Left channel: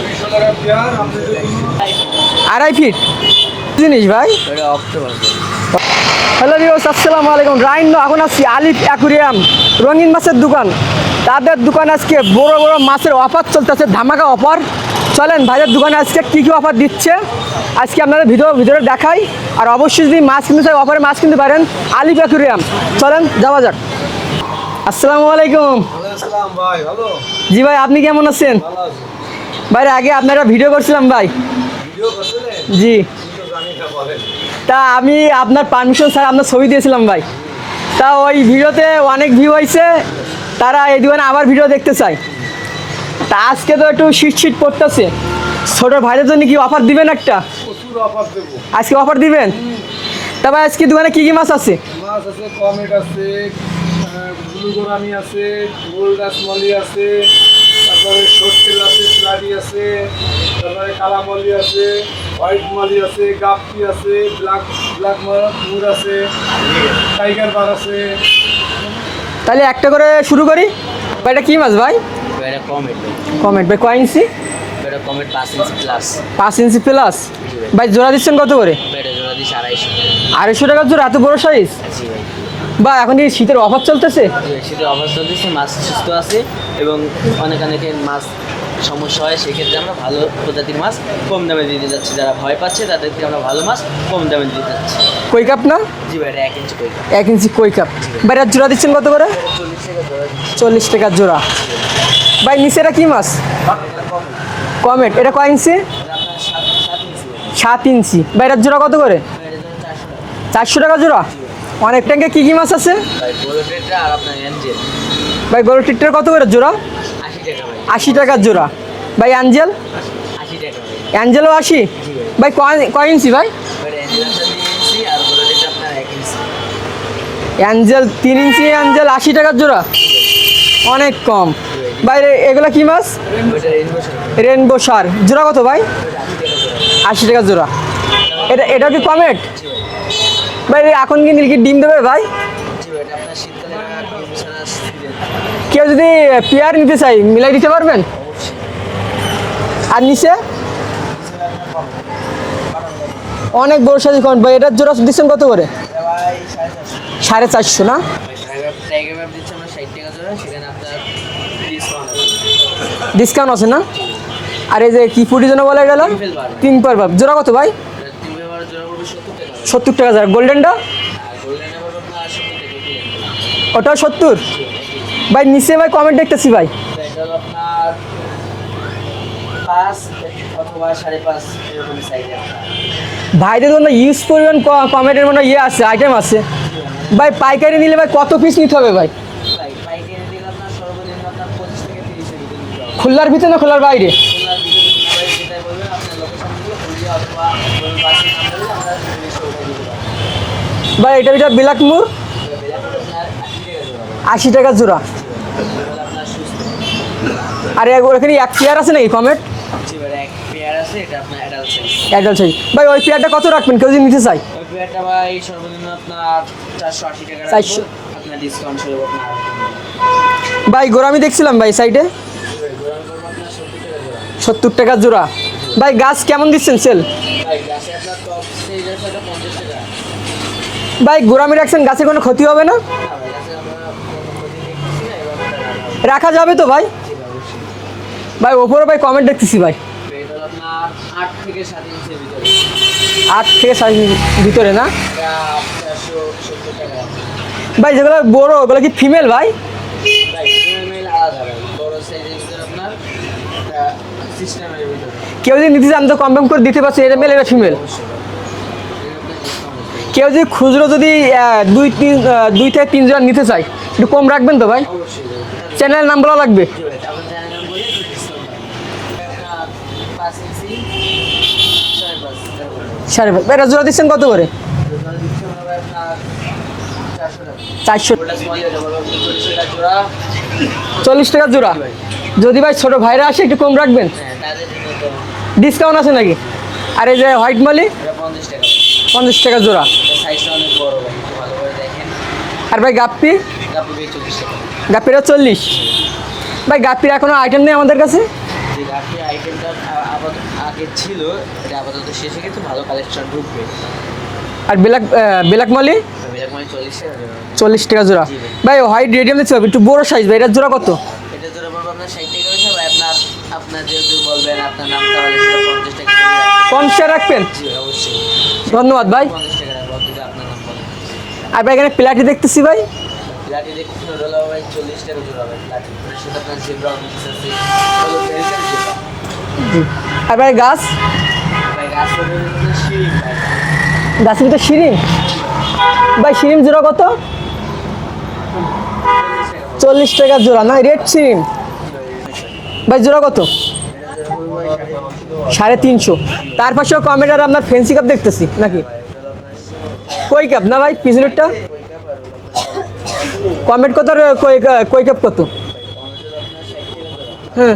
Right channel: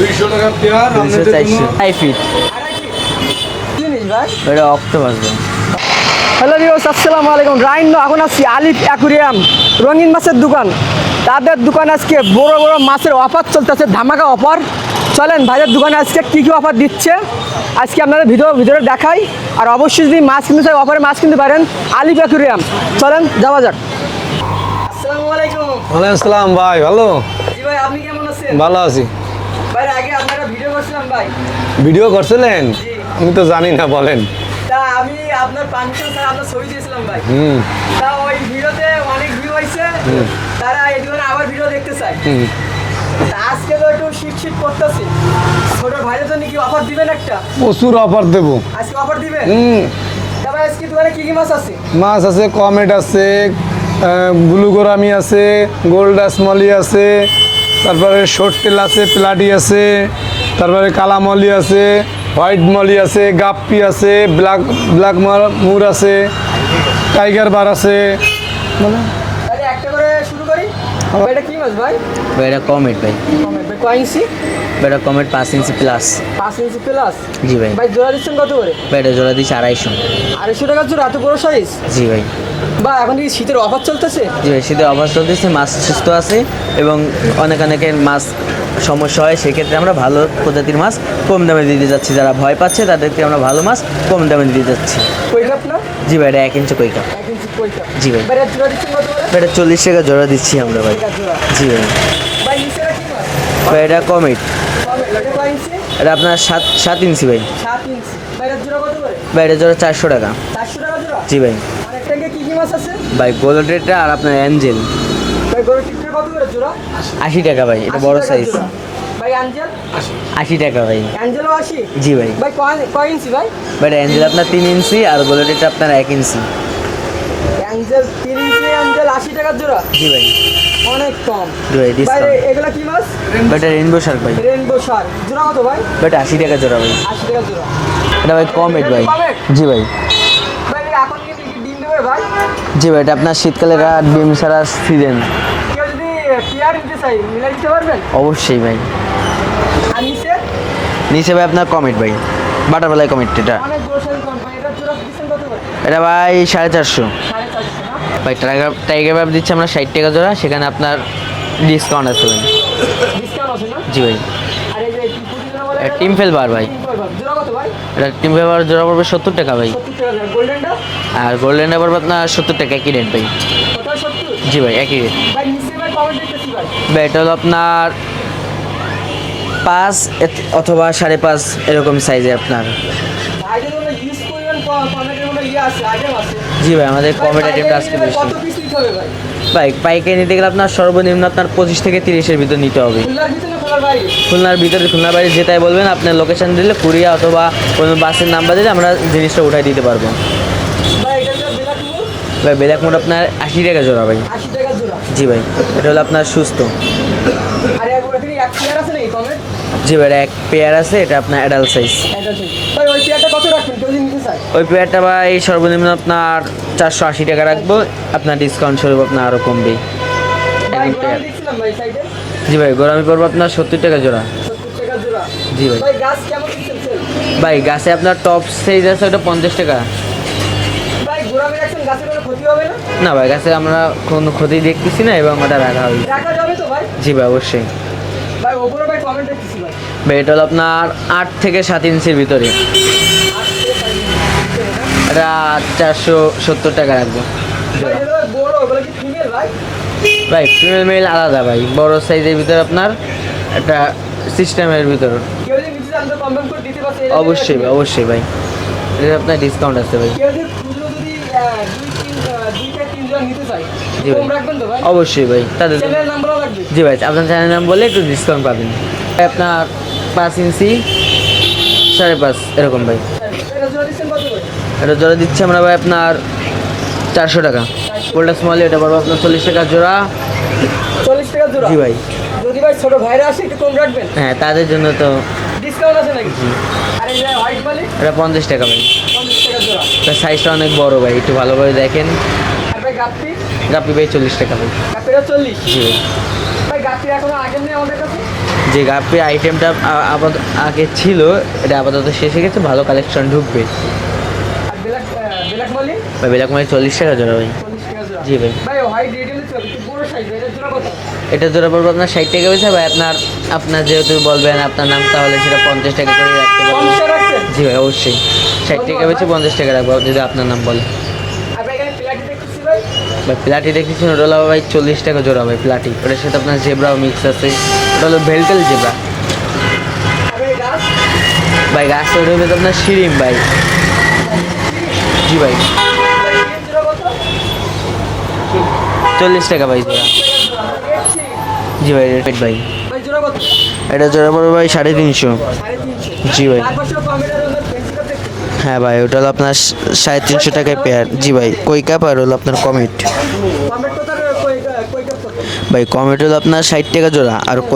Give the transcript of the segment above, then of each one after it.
200 টাকা পেয়ার আমাদের জন্য 200 ফিট আড়াই ফিট জিনিস ভাই। এটা অক্টোপাস ভাই। হ্যালো ভিউয়ার্স, আসসালামু আলাইকুম। রাইন এখন আছি আলিফ অ্যাকুরিয়াম, রঙিন মাছের দোকান। তাদের দোকানে আজকে বড় বড় মাছের অফার চলতেছে, ধামাকা অফার। চলেন ভাইয়ের দোকানে আজকে কী কী অফার দিচ্ছে আজকে আপনাদের ভিতরে দেখাই। আর অবশ্যই যদি মাছ কিনতে চাই, অফারে মাছ কিনতে পারেন আলিফ অ্যাকুরিয়াম। চলেন যাওয়া যাক। আসসালামু আলাইকুম। ওয়ালাইকুম আসসালাম ভাই, ভালো? জি ভাই, আপনি কেমন আছেন? ভালো আছি। ভাই আগে আপনারা ভিডিও করছিলাম ভাই। ভিডিও করছিলেন? জি। আমি তো জানি না, বলেন। তা আমি আপনার পারমিশন স্যার আপনার ছবি দিয়েছিলাম ভাই। তা ওই ভিডিওতে অনেক ভিউ হয়েছে, তারা এই দোকানে আবার ভিডিও দেখতে চাই। তা আজকে তো একটু শীত পড়তেছে, ছোট ভাইয়ের জন্য কি অফার দিবেন? একটা প্রচুর অফার দেবো আজকে অফার দিবেন। তা ভাই আজকে দোকানে কি কি মাছ আছে? মাছ আছে, কমেট আছে, ব্লু গোরামি আছে, গোল্ড মলি আছে, তারপরে শর্ট তেল আছে, প্লাটি আছে, তারপরে কালা মলি আছে, হোয়াইট মলি আছে, গাপ্পি আছে, ব্ল্যাক মুর আছে, টাইগার বার আছে। তাহলে একটা করে শুরু করি। ভাই এটা কি মাছ ভাই? ভাই এটা কমেট ভাই। কমেন্ট ভাই কয় ইঞ্চি? ভাই এটা কমেট 5 ইঞ্চি প্লাস। 5 inch plus. জি ভাই। ভাই জোড়া দিচ্ছেন কত করে? ভাই এটা জোড়া দিচ্ছে 250। 250 টাকা জোড়া, এত বড় সাইজ? জি ভাই। বা এখন কি শীতের অফার চলতেছে? জি ভাই, শীতের অফার চলতেছে, মাছ সুস্থ আছে এবং অনেকের মাছ সমস্যা হয়, সেক্ষেত্রে আমরা ভালো প্রজাতির মাছ কম দামে দিতে যাচ্ছি। যারা ভয় পাচ্ছে তাদেরকে আমরা ভালো মাছ কম দামে দিতে যাচ্ছি। কই কাপ না? জি ভাই, এটা 1 ইঞ্চি কই কাপ। 1 ইঞ্চি কই কাপ। জি ভাই। ভাই এর জোড়া দিচ্ছেন কত করে? ভাই এটা 40 টাকা জোড়া দিচ্ছি আমরা 40 ভাই। টাকা জোড়া। জি ভাই। ভাই নিচে এটা কি মাছ? ভাই এটা কমেট। কমেট, এটা কয় ইঞ্চি? এটা আপনার 7 ইঞ্চি ভাই। 7 ইঞ্চি। ভাই এর জোড়া কত করে? ভাই এটা জোড়া 400 টাকা। 400 টাকা জোড়া। জি ভাই। অনেক ট্যাঙ্কে কি কি মাছ আছে? ভাই গোল্ডেটা আর আপনার অ্যাঞ্জেল। ভাই গরু টিটটা কত করে জোড়া? 80 টাকা ভাই। এটা 80 বড় টাকা size। জোড়া। ভাই অ্যাঞ্জেল? 80 টাকা ভাই। অ্যাঞ্জেলও 80? জি ভাই। ভাই কয় ইঞ্চি ভাই? ভাই অ্যাঞ্জেল আপনার 3 ইঞ্চি আর গোল্ডেটা আপনার 1 ইঞ্চি। অ্যাঞ্জেল 3 ইঞ্চি, অ্যাঞ্জেল 80 টাকার জোড়া। জি ভাই। অনেক কম। জি ভাই, ভাই discount। এগুলা কি মাছ? ভাই এটা রেইনবো শার্ক ভাই। Rainbow Shark. জোড়া কত ভাই? ভাই এটা 80 টাকা জোড়া ভাই। 80 টাকা জোড়া। এটা ভাই কমেট এটা কি ভাই। কমেট? জি ভাই। ভাই এখন কি নীলকি ডিম দেবে ভাই? জি ভাই, এটা আপনার শীতকালে ডিম ছাড়া সিজন। কেউ যদি পেয়ার নিতে চাই মিলাই দিতে পারবেন? অবশ্যই ভাই। আর নিচে নিচে ভাই আপনার কমেট ভাই, বাটারফ্লাই কমেট। এটা অনেক বড় সাইজ কমেট। ভাই এটার জোড়া দিচ্ছেন কত করে? এটা ভাই 450। 450 না? ভাই টাইগার ব্যাপ দিচ্ছে আমরা 60 টাকা জোড়া, সেখানে আপনার ডিসকাউন্ট আছে ভাই। ডিসকাউন্ট আছে না? জি ভাই। আর এই যে কি ফুটি জন্য বলে গেল? টিম্পেল বার ভাই। টিম্পল বার জোড়া কত ভাই? এটা টিম্পেল বার জোড়া পড়বে 70 টাকা ভাই। 70 টাকা জোড়া। গোল্ডেনটা? আর গোল্ডেন পড়বে আপনার 70 টাকা, একই রেট ভাই। ওটাও 70? জি ভাই, একই রেট। ভাই নিচে ভাই কমেন্ট দেখতেছি ভাই। ভাই এটা হলো আপনার 5 অথবা 5.5 এরকম সাইজে আপনার। ভাইদের জন্য ইউজ পরিমাণ কমেন্টের মধ্যে আছে, আইটেম আছে। জি ভাই, আমাদের ভাই comment পাইকারি item নিলে ভাই আছে কত পিস নিতে হবে ভাই? ভাই পাইকারি নিতে গেলে আপনার সর্বনিম্ন আপনার 25 থেকে 30-এর ভিতর নিতে হবে। খুলনার ভিতরে না খুলনার বাইরে? খুলনার ভিতরে, খুলনার বাইরে যেটাই বলবেন, আপনার লোকেশন দিলে কুরিয়া অথবা কোনো বাসের নাম্বার দিলে আমরা জিনিসটা উঠাই দিতে পারবো। ভাই এটা ব্ল্যাক মুর? ভাই ব্ল্যাক মোড আপনার 80 টাকা জোড়া ভাই। 80 টাকা জোড়া। জি ভাই, এটা হলো আপনার সুস্থ। আর ওখানে এক পেয়ার আছে নাকি কমেট? জি ভাই, এক পেয়ার আছে, এটা আপনার অ্যাডাল্ট সাইজ। একদম ঠিক। ভাই ওই পেয়ারটা কত রাখবেন কেউ যদি নিতে চাই? ওই পেয়ারটা ভাই সর্বনিম্ন আপনার 480 টাকা রাখবো, 480 আপনার ডিসকাউন্ট স্বরূপ আপনার আরও কমবে। ভাই গোরামি দেখছিলাম ভাই সাইডে। জি ভাই, গোরামি পড়বো আপনার 70 টাকা জোড়া। 70 টাকা জোড়া। জি ভাই। ভাই গাছ কেমন দিচ্ছেন সেল? ভাই গাছে আপনার টপ সাইজ আছে, ওটা 50 টাকা। ভাই গোরামি রাখছেন, গাছে কোনো ক্ষতি হবে না? না ভাই, গাছে আমরা কোনো ক্ষতি দেখতেছি না এবং ওটা রাখা হবে। রাখা যাবে তো ভাই? জি ভাই, অবশ্যই। ভাই ওপরে ভাই কমেন্ট দেখতেছি ভাই। ভাই এটা হলো আপনার 8 থেকে 7 ইঞ্চির ভিতরে। 8 থেকে 7 ভিতরে না? এটা 470 টাকা রাখবো। ভাই যেগুলো বড় ওগুলো কি ফিমেল ভাই? ভাই ফিমেল মেল আলাদা ভাই, বড় সাইজের ভিতরে আপনার একটা সিস্টেমের ভিতর। কেউ যদি নিতে চান তো কম দাম করে দিতে পারছে, এটা মেল এটা ফিমেল? অবশ্যই ভাই, এটা আপনার ডিসকাউন্ট আছে ভাই। কেউ যদি খুচরো যদি 2 থেকে 3 জোড়া নিতে চাই একটু কম রাখবেন তো ভাই? অবশ্যই ভাই, তাদের চ্যানেলের নাম বলা লাগবে? জি ভাই, আপনার চ্যানেল নাম বলে একটু ডিসকাউন্ট পাবেন। আপনার 5 ইঞ্চি 5.5 এরকম ভাই। সাড়ে ভাই এটা জোড়া দিচ্ছেন কত করে? এটা জোড়া দিচ্ছি আমরা ভাই আপনার 400 টাকা। 400 গোল্ডেন স্মল এটা পড়বে আপনার 40 টাকা জোড়া। 40 টাকা জোড়া? জি ভাই। যদি ভাই ছোট ভাইরা আসে একটু কম রাখবেন? হ্যাঁ, তাদের জন্য তো ডিসকাউন্ট আছে নাকি? আর এই যে হোয়াইট মালি? এটা 50 টাকা ভাই। 50 টাকা জোড়া। তার সাইজটা অনেক বড় ভাই, একটু ভালো করে দেখেন। আর ভাই গাপ্পি? গাপ্পি ভাই 40 টাকা ভাই। গাপ্পিটা 40? জি ভাই। ভাই গাপ্পির এখনো আইটেম নেই আমাদের কাছে? যে গাপি আইটেমটা আগে ছিল এটা আপাতত শেষ হয়ে গেছে, ভালো কালেকশন ঢুকবে। আর ব্ল্যাক ব্ল্যাক মালি ভাই ব্ল্যাক মানে 40 টাকা জোড়া ভাই। 40 টাকা জোড়া। জি ভাই। ভাই হোয়াইট রেডিয়াম দিতে হবে একটু বড় সাইজ ভাই, এটার জোড়া কত? এটা জোড়া পড়বে আপনার 60 টাকা হয়েছে ভাই। আপনার যেহেতু বলবেন আপনার নাম, তাহলে সেটা 50 টাকা করে রাখতে পারবেন। 50 রাখবেন? জি ভাই অবশ্যই। ধন্যবাদ ভাই। 50 টাকা রাখবো যদি আপনার নাম বলে। আর ভাই এখানে প্লাটি দেখতেছি ভাই, ভাই প্লাটি দেখেছেন, ওটা হলো ভাই 40 টাকা জোড়া ভাই প্লাটি। ওটার সাথে আপনার জেব্রাও মিক্স আছে, ওটা হলো ভেলটেল জেব্রা। আর ভাই গাছ ভাই গাছ ওটা হবে আপনার শিরিম ভাই। গাছের ভিতরে শিরিন? জি ভাই। ভাই শিরিন জোড়া কত? 40 টাকা ভাই। 40 টাকা জোড়া না? রেড শিরিন? জি ভাই রেড ভাই। ভাই জোড়া কত? এটা জোড়া পড়বে ভাই 350। 350? জি ভাই। তার পাশে কমেডার আপনার ফেন্সি কাপ দেখতেছি। হ্যাঁ ভাই, ওটা হলো আপনার কই 350 কাপ টাকা না ভাই? পেয়ার। কিছু জি একটা? ভাই কই কাপ আর হলো আপনার কমেট। কমেট কত আর কই কাপ কত? ভাই কমেট হলো আপনার 60 টাকা জোড়া, আর হ্যাঁ।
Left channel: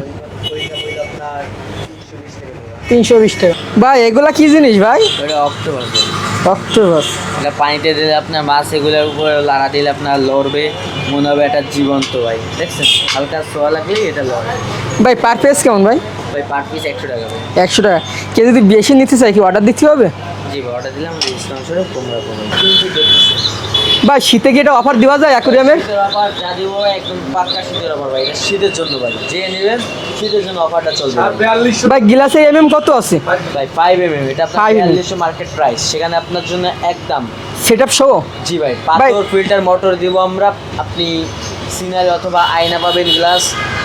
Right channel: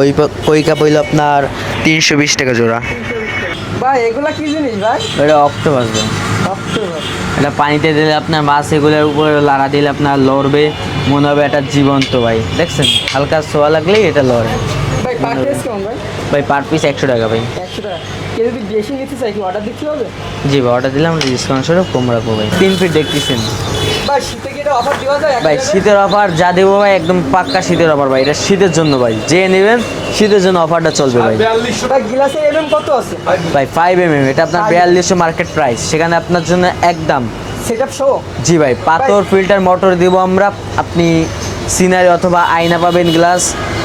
কই কাপ হইলো আপনার 320 টাকা জোড়া। 320 টাকা। ভাই এগুলা কি জিনিস ভাই? এটা অক্টোপাস ভাই। অক্টোপাস? এটা পানিতে দিলে আপনার মাছ এগুলোর উপরে লাড়া দিলে আপনার লড়বে, মনে হবে এটা জীবন্ত ভাই। দেখছেন হালকা ছোঁয়া লাগলেই এটা লড়ে। ভাই পার পিস কেমন ভাই? ভাই পার পিস 100 টাকা ভাই। 100 টাকা। কেউ যদি বেশি নিতে চাই কি অর্ডার দিতে হবে? জি ভাই অর্ডার দিলে আমরা ডিসকাউন্ট স্বরূপ কম রাখবো ভাই। 3 ফিট দেখতেছেন ভাই শীতে কি এটা অফার দেওয়া যায় ভাই, অ্যাকুরিয়ামে? শীতের অফার যা দেবো ভাই একদম পাক্কা শীতের অফার ভাই। এটা শীতের জন্য ভাই, যে নেবেন শীতের জন্য অফারটা চলবে ভাই। ভাই গ্লাসে কত আছে? ভাই 5 এটা আপনার 5 4200 মার্কেট প্রাইস, সেখানে আপনার জন্য একদম। সেটআপ সহ? জি ভাই, পাথর ফিল্টার মোটর দিব আমরা। আপনি সিনারি অথবা আয়না পাবেন, গ্লাস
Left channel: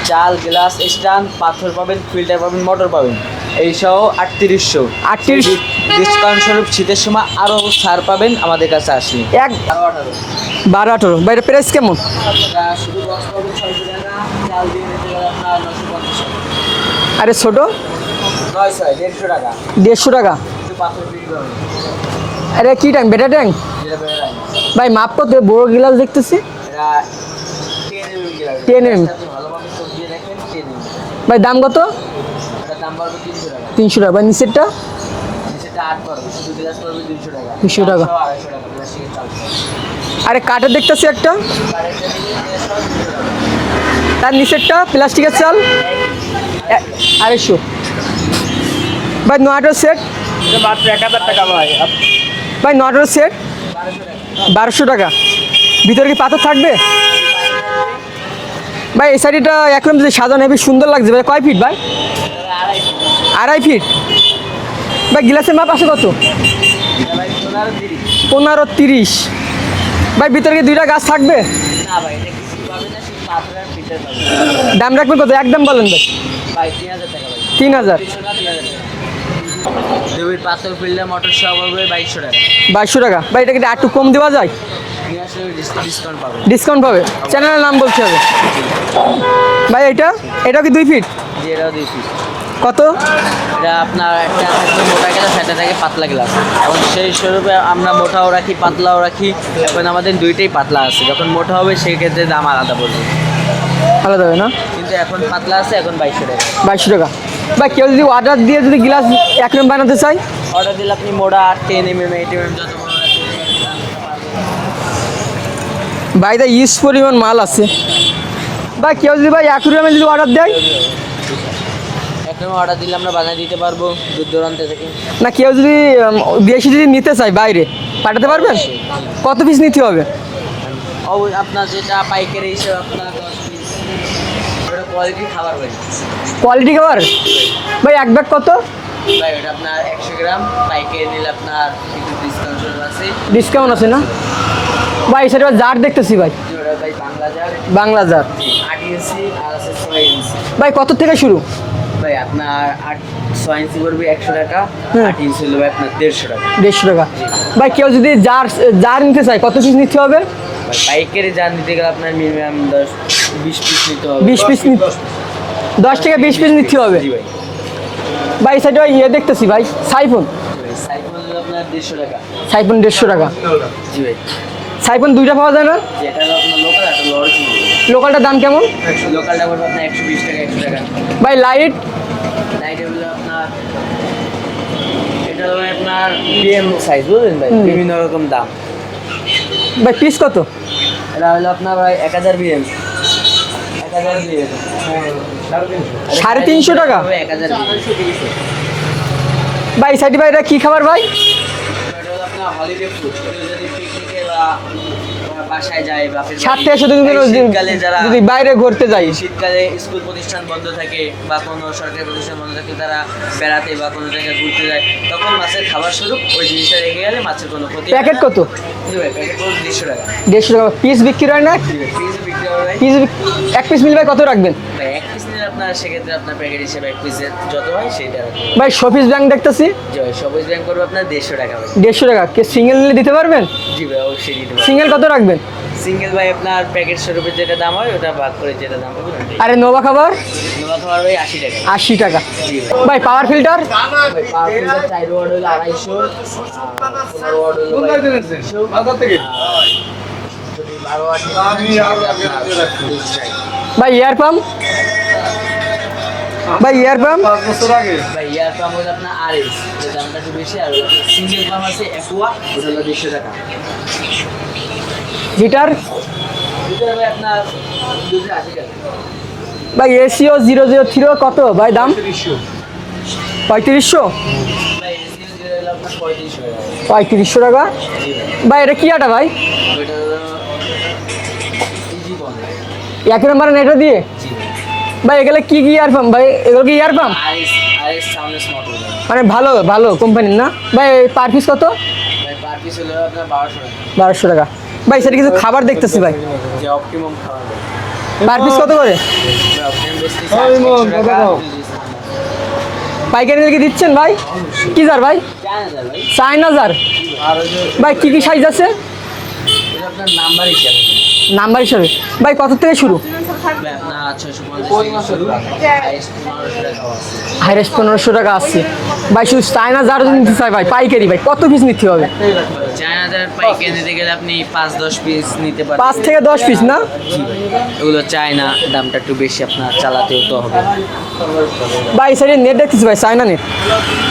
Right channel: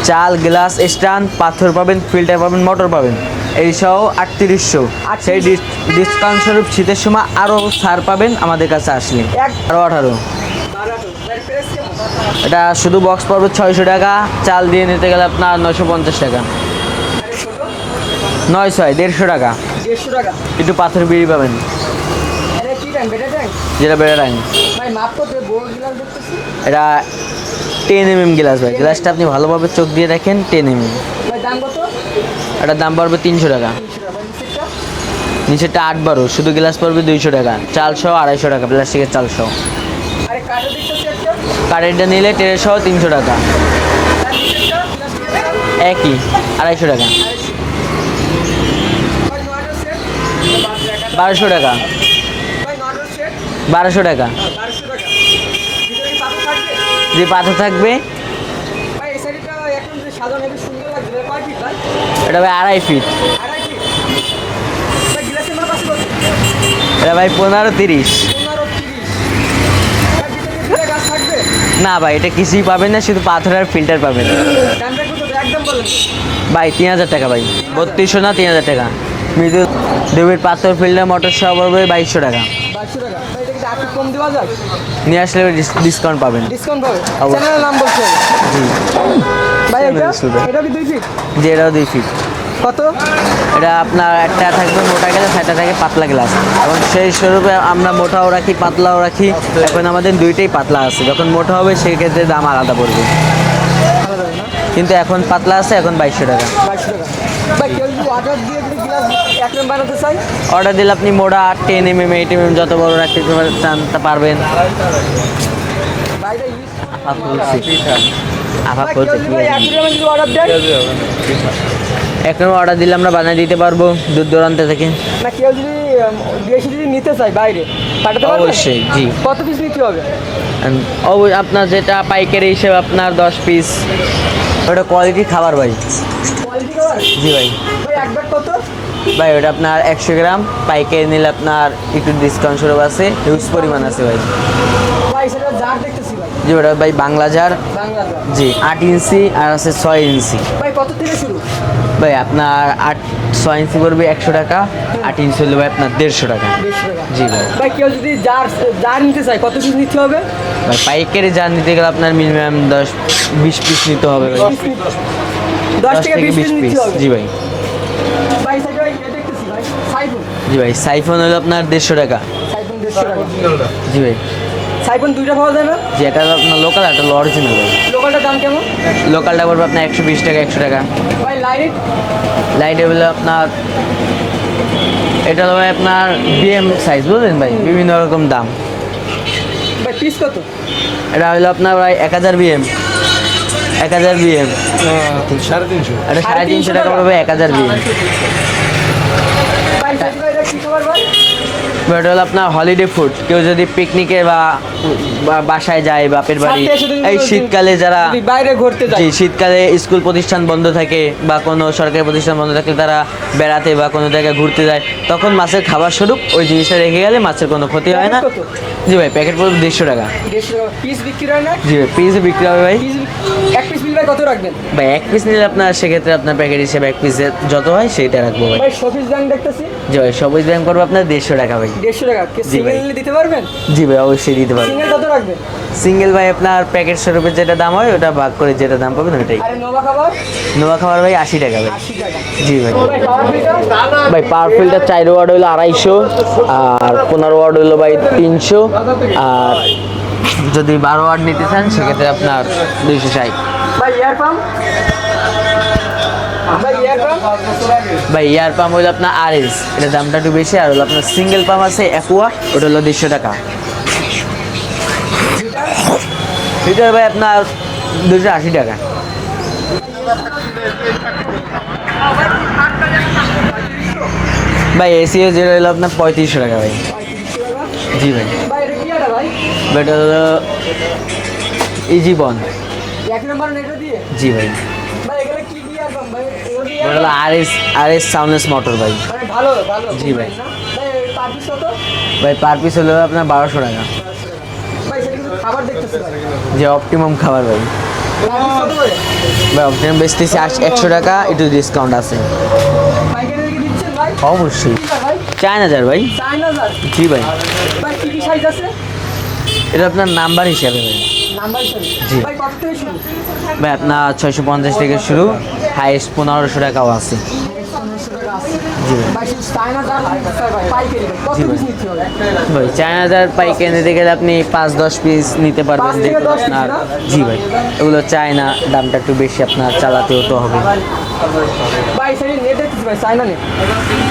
চাল, গ্লাস স্ট্যান্ড, পাথর পাবেন, ফিল্টার পাবেন, মোটর পাবেন, এই সহ 3800। 3800 ডিসকাউন্ট স্বরূপ শীতের সময় আরও ছাড় পাবেন আমাদের কাছে আসলে। এক আরও 18। 12-18। ভাই এর প্রাইস কেমন? এটা শুধু বক্স পড়বে 600 টাকা, চাল দিয়ে নিতে গেলে আপনার 950 টাকা। আরে ছোট? 150 টাকা। 150 টাকা? একটু পাথর বিড়ি পাবেন, আরে কি ট্যাঙ্ক? বেটা ট্যাঙ্ক? যেটা বেড়ে রাখেন। ভাই মাপ কত? বড় গ্লাস দেখতেছি। এটা 10 গ্লাস ভাই। 10 গ্লাসটা আপনি ভালোভাবে চোখ দিয়ে দেখেন, 10 ভাই দাম কত? এটার দাম পড়বে 300 টাকা। 300 টাকা। ভাই নিচেরটা? নিচেরটা 8-12, শুধু গ্লাস পড়বে 200 টাকা। 200 চাল টাকা। সহ 250 টাকা, প্লাস্টিকের চাল সহ। আরে কাঠের দেখতেছি একটা। কারেন্টটা নিলে ট্রে সহ 300 টাকা। তার নিচেরটা প্লাস্টিকের চাল? একই 250 টাকা। 250। ভাই নয়টার সেট? 1200 টাকা। ভাই নয়টার সেট? 1200 টাকা। 1200 টাকা। ভিতরে কি পাথর থাকবে? যে পাথর থাকবে। ভাই এই সাইডটা একদম যে সাজানো হেবি সুন্দর লাগছে ভাই। কয় ফিট ভাই? এটা ভাই 2.5 ফিট। 2.5 ফিট? ভাই গ্লাসের মাপ আছে কত? এটা ভাই 15-30। 15-30। ভাই ভিতরে কি দুইটা গাছ থাকবে? না ভাই, এটা কিছুই পাবেন না, শুধু পাথর আর ফিল্টার পাবেন। দাম রাখবেন কত? একদম বলেন ভাই। ভাই 3000 টাকা ভাই। 3000? 3200 না, 3000 টাকা। মৃদু দেবের পাথর ফিল্টার মোটর সহ পড়বে 2200 টাকা। 2200 টাকা। ভাই এটা কি একটু কম দেওয়া যায়? নিয়ে আসলে ডিসকাউন্ট পাবেন। ডিসকাউন্ট পাবে? অবশ্যই। চ্যানেলের নাম বলতে হবে। জি ভাই এটাও কি 2 ফিট? জি, এটাও 2 ফিট। কত? এটা আপনার একটা থাকবে মোটা গ্লাস, একটা থাকে পাতলা গ্লাস। এবং সেই স্বরূপে আমরা মোটাও রাখি, পাতলাও রাখি। এখন আমাদের দুইটাই পাতলা আছে, যখন মোটা হবে সেই ক্ষেত্রে দাম আলাদা পড়বে। আলাদা হবে না? কিন্তু এখন পাতলা আছে, এখন 2200 টাকা। 2200 টাকা। ভাই কেউ যদি অর্ডার দিয়ে যদি গ্লাস একদম বানাতে চাই? অর্ডার দিলে আপনি মোটা 10 8 যত বড় রাখতে চান তা পারবেন। ভাই দা ইউজ পরিমাণ মাল আছে। ভাই কেউ যদি ভাই অ্যাকুরিয়ামে যদি অর্ডার দেয়? এখন অর্ডার দিলে আমরা বানিয়ে দিতে পারবো দূর দূরান্ত থেকে। না কেউ যদি বেশি যদি নিতে চায় বাইরে পাঠাতে পারবেন? অবশ্যই, জি। কত পিস নিতে হবে? আপনার যেটা পাইকারি হিসেবে আপনার 10 পিস। ওটা কোয়ালিটি খাবার ভাই। কোয়ালিটি খাবার? জি ভাই। ভাই এক ব্যাগ কত? ভাই ওটা আপনার 100 গ্রাম পাইকারি নিলে আপনার একটু ডিসকাউন্ট স্বরূপ আছে। ডিসকাউন্ট আছে না? ভাই সেটা জার দেখতেছি ভাই। জি ওটা ভাই বাংলা জার। বাংলা জার? জি 8 ইঞ্চি আর আছে 6 ইঞ্চি। ভাই কত থেকে শুরু? ভাই আপনার 6 ইঞ্চি করবে 100 টাকা, 8 ইঞ্চি হলে ভাই আপনার 150 টাকা। 150 টাকা? জি ভাই। ভাই কেউ যদি জার নিতে চায় কত পিস নিতে হবে? ভাই পাইকারি জার নিতে গেলে আপনার মিনিমাম 20 পিস নিতে হবে। 20 পিস 10 থেকে 20 পিস নিতে হবে? জি ভাই। ভাই সেটা ইয়ে দেখতেছি ভাই সাইফোন। জি ভাই সাইফোন হলো আপনার 150 টাকা। সাইফোন 150 টাকা? জি ভাই। সাইফোন দুইটা পাওয়া যায় না? জি, এটা হলো আপনার লোকাল, একটা অরিজিনাল ভাই। লোকালটার দাম কেমন? লোকালটা পড়বে আপনার 120 টাকা, 100 টাকা। ভাই লাইট? লাইট হলো আপনার, এটা হলো ভাই আপনার বিএম সাইজ, বুঝলেন ভাই, বিভিন্ন রকম দাম। ভাই পিস কত? এটা হলো আপনার ভাই 1000 বিএম। 1000 বিএম। 350। 350 টাকা? পাবে 1000 বিএম। ভাই সার্টিফাইড কি খাবার ভাই? এটা হলো আপনার হলিডে ফুড। কেউ যদি পিকনিকে বা বাসায় যায় বাপের বাড়ি, সাথে সাথে এই শীতকালে যারা যদি বাইরে ঘুরতে যায়, জি, শীতকালে স্কুল প্রতিষ্ঠান বন্ধ থাকে বা কোনো সরকারি প্রতিষ্ঠান বন্ধ থাকে, তারা বেড়াতে বা কোনো জায়গায় ঘুরতে যায়, তখন মাছের খাবার স্বরূপ ওই জিনিসটা রেখে গেলে মাছের কোনো ক্ষতি হয় প্যাকেট না। কত? জি ভাই, প্যাকেট পড়বে 150 টাকা। 150 টাকা পিস বিক্রি হয় না? জি ভাই, পিস বিক্রি হবে ভাই। পিস এক পিস মিলবে কত রাখবেন ভাই এক পিস নিলে আপনার সেক্ষেত্রে আপনার প্যাকেট হিসেবে এক পিসে যত হয় সেইটা রাখবো ভাই। ভাই? সফিস ব্যাংক দেখতেছি জি ভাই, সবুজ ব্যাংক করবে আপনার 150 টাকা ভাই। 150 টাকা। কে সিঙ্গেল নিলে দিতে পারবেন? জি ভাই, অবশ্যই দিতে পারবেন। সিঙ্গেল কত রাখবেন? সিঙ্গেল ভাই আপনার প্যাকেট স্বরূপে যেটা দাম হয় ওটা ভাগ করে যেটা দাম পাবেন ওটাই। আরে নোভা খাবার নোয়া খাবার ভাই 80 টাকা ভাই। 80 টাকা। জি ভাই। ভাই পাওয়ার ফিল্টার? ভাই পাওয়ার ফিল্টার 4 ওয়াট হলো 250, আর 15 ওয়াট হলো ভাই 300, আর যদি 12 ওয়াট নিতে চান সেক্ষেত্রে আপনার 260। ভাই এয়ার পাম্প? ভাই এয়ার পাম্প? ভাই এয়ার পাম্প হলো আপনার আরএস, এটার দামটা একটু বেশি। আর হলো আপনার সিঙ্গেল পাম্প আছে অ্যাকোয়া, ওটা হলো 150 টাকা। হিটার? লিটার ভাই আপনার 280 টাকা। ভাই এসিও 003 কত ভাই দাম? 3500? ভাই এসিও যেটা হলো আপনার 3500 টাকা ভাই। 3500 টাকা। জি ভাই। ভাই এটা কি আটা ভাই? এটা হলো ইজি বন্ড। এক নাম্বার নেটা দিয়ে? জি ভাই। ভাই এগুলো কি ইয়ার পাম্প ভাই? এগুলো কি ইয়ার পাম্প? আরএস সাউন্ডলেস মোটর ভাই। মানে ভালো ভালো কোম্পানির না ভাই? পার পিস কত? ভাই পার পিস হলো আপনার 1200 টাকা। 1200 টাকা। ভাই সেটা কিছু খাবার দেখতেছি ভাই, যে অপটিমাম খাবার ভাই। পার পিস কত করে? ভাই অপটিমাম বেচতেছি 100 টাকা, একটু ডিসকাউন্ট আছে। পাইকারি নিলে কি দিচ্ছেন ভাই? অবশ্যই। কি জার ভাই? চায়না যার ভাই। 4000? জি ভাই। ভাই কি কি সাইজ আছে? এটা আপনার নাম্বার হিসাবে ভাই। নাম্বার হিসাবে? ভাই কত থেকে শুরু? ভাই আপনার 650 থেকে শুরু, হাইয়েস্ট 1500 টাকাও আছে। হাইরেস্ট 1500 টাকা আছে। ভাই শুধু চায়না জার যদি নিতে চাই ভাই পাইকারি, ভাই কত পিস নিতে হবে? ভাই চায়না যার পাইকারি নিতে গেলে আপনি 5-10 পিস নিতে পারবেন। 5 থেকে 10 পিস না? জি ভাই। এগুলো চায়না, দামটা একটু বেশি, আপনার চালাতেও তো হবে। ভাই সেটা নেট দেখতেছি ভাই, চায়না নেট।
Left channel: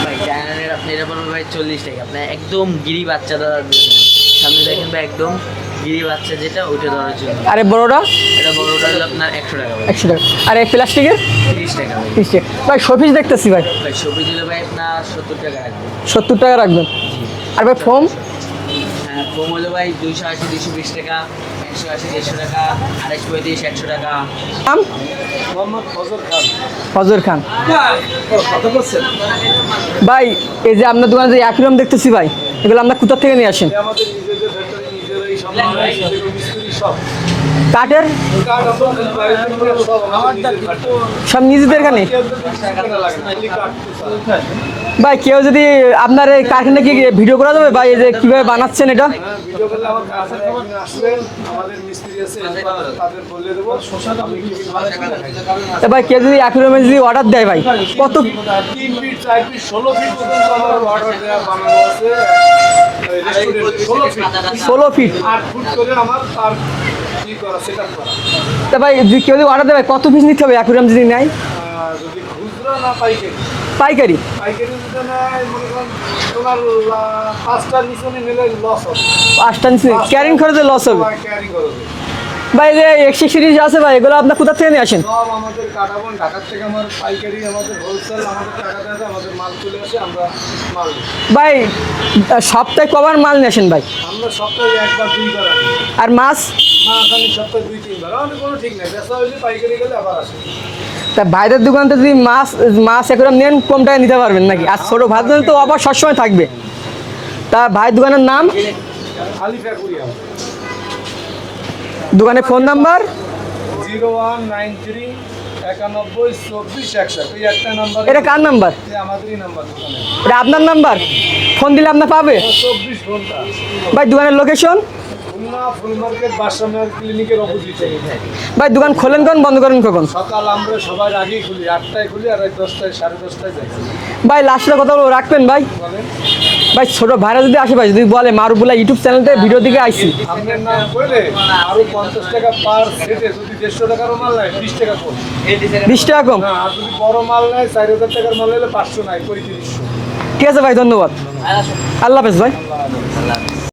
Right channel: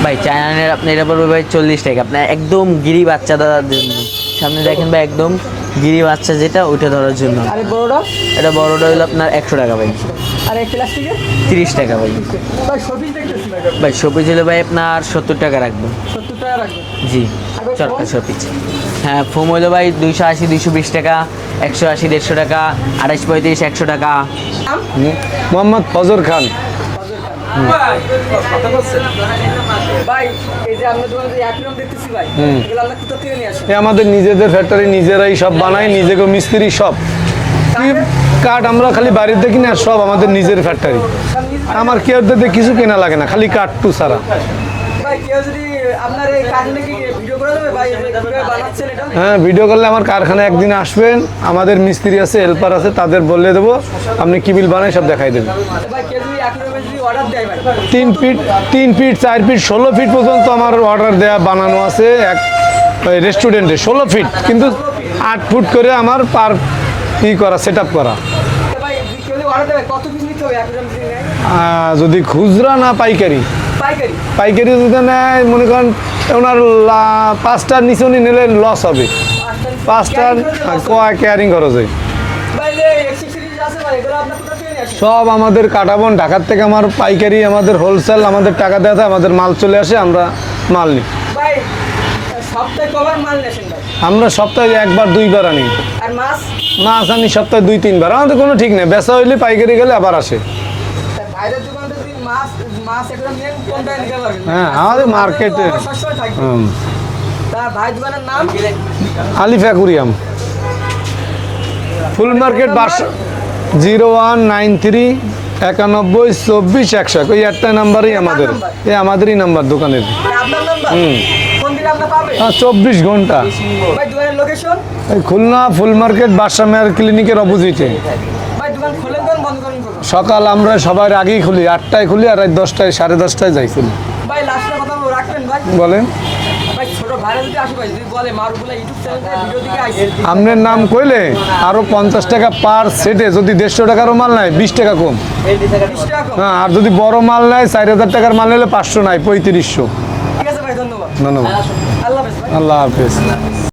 ভাই চায়নার আপনি এটা পড়বে ভাই 40 টাকা। আপনার একদম গিরি বাচ্চাদের জন্য। সামনে দেখেন ভাই, একদম গিরি বাচ্চা যেটা ওইটা ধরার জন্য। আরে বড়টা? এটা বড়টা হলো আপনার 100 টাকা ভাই। 100 টাকা। আর এই প্লাস্টিকের? 30 টাকা ভাই। 30 টাকা। ভাই শোপিস দেখতেছি ভাই। ভাই শোপিস হলো ভাই আপনার 70 টাকা রাখবেন। 70 টাকা রাখবেন। জি। আর ভাই ফোম? শোপিস, হ্যাঁ ফোম হলো ভাই 280, 220 টাকা, 180, 150 টাকা, 28, 35, 100 টাকা। নাম? মোহাম্মদ ফজর খান। ফজর খান। ভাই এই যে আপনার দোকানে যে একরকম দেখতেছি ভাই, এগুলো আমরা কোথা থেকে নিয়ে আসেন? এ আমাদের নিজেদের ফ্যাক্টরি, নিজেরাই সব বানাই, নিজেকে মিস্ত্রি সব। কাঠের? কাঠ আমরা খালি বাড়িতে কিনি, আর সব আমাদের নিজের ফ্যাক্টরি। সব নিজেদের আমার এখানে? কেউ দিতে কিছু কেনা লাগে না, খালি কাঠ টু ছাড়া। ভাই কেউ যদি আপনার এই কারখানা কি ভিডিও করা যাবে ভাই, এই যে কিভাবে বানাচ্ছেন এটা? হ্যাঁ, ভিডিও করলে আমার কারখানায় একদিন আসবেন, আমাদের মিস্ত্রি আছে, হেল্পার আছে, তাদের বলে দেবো, আপনি কি বিল বানাই সব দেখাই দেবেন। তা ভাই কেউ যদি একরকমের যদি অর্ডার দেয় ভাই, 3 ফিট 4 ফিট 16 ফিট পর্যন্ত আমার অর্ডার দেওয়া বানানো আছে এক রেস্টুরেন্টে। 16 ফিট, কিন্তু 16 ফিট? 8 ফুট করে আমার পার ই করা, সেট আপ করা। তা ভাই যদি কেউ যদি অর্ডার দেবে কত পিস নিতে হবে একরকম যদি নেয়? যদি খুচরা না পাইকারি, পাইকারি? পাইকারি যদি নেয়, মনে করেন ওনার 5টার নিচে উনি নিলে লস হবে। 5টা নিচে ক্যারিং খরচে লস হবে? ক্যারিং খরচে। ভাই যে এক্সিক সিরিজ আছে ভাই, এগুলো আপনার কোথা থেকে নিয়ে আসেন? সব আমাদের কাটাবন, ঢাকার থেকে আমার পাইকারি, আমাদের হোলসেল, আমাদের টাকা দেওয়া থাকে, আমাদের মাল চলে আসে, আমরা মাল নিই। ভাই সপ্তাহে কবার মাল নিয়ে আসেন ভাই? আমরা সপ্তাহে 1-2 বার আনি। আর মাছ? মাছ আনি সপ্তাহে 2-3 বার, আমাদের কোনো ঠিক নেই, বেচা হইলে পাইকারি গেলে আবার আসে। তা বাইরের দোকানতে যদি মাছ একরকম নেন কম টাকা নিতে পারবেন নাকি? হ্যাঁ, আর ছোট আমাদের মাছ তো market-এ- আবার সবসময় থাকবে। তা ভাই দোকানের নাম? আলিফ অ্যাকুরিয়াম। দোকানের ফোন নাম্বার? 0193 91 24 100। ওই একটা নাম্বারই এটা কার নাম্বার? এই আমাদেরই নাম্বার দোকানের। এটা আপনার নাম্বার? ফোন দিলে আপনার পাবে? 24 ঘন্টা। ভাই দোকানের লোকেশন? এই খুলনা ফুল মার্কেট বাদশা মেয়ার ক্লিনিকের অপোজিটে। ভাই দোকান খোলেন কখন, বন্ধ করেন কখন? সকাল আমরা সবার আগেই খুলি, 8টায় খুলি, আর রাত 10টায় 10:30টায় যাই খুলি। ভাই লাস্টের কথা রাখবেন ভাই। বলেন। ভাই ছোট ভাইরা যদি আসে ভাই, যদি বলে মারুবুল্লাহ ইউটিউব চ্যানেলতে ভিডিও দিকে আইছি, আপনার নাম কইলে আরো 50 টাকা পার সেটে, যদি 150 টাকারও মাল নেয় 20 টাকা কম। 20 টাকা কম? হ্যাঁ, আর যদি বড় মাল নেয় 4000 টাকার মাল নিলে 500 নাই, 3500। ঠিক আছে ভাই, ধন্যবাদ। ধন্যবাদ। আল্লাহ হাফেজ ভাই। আল্লাহ হাফেজ।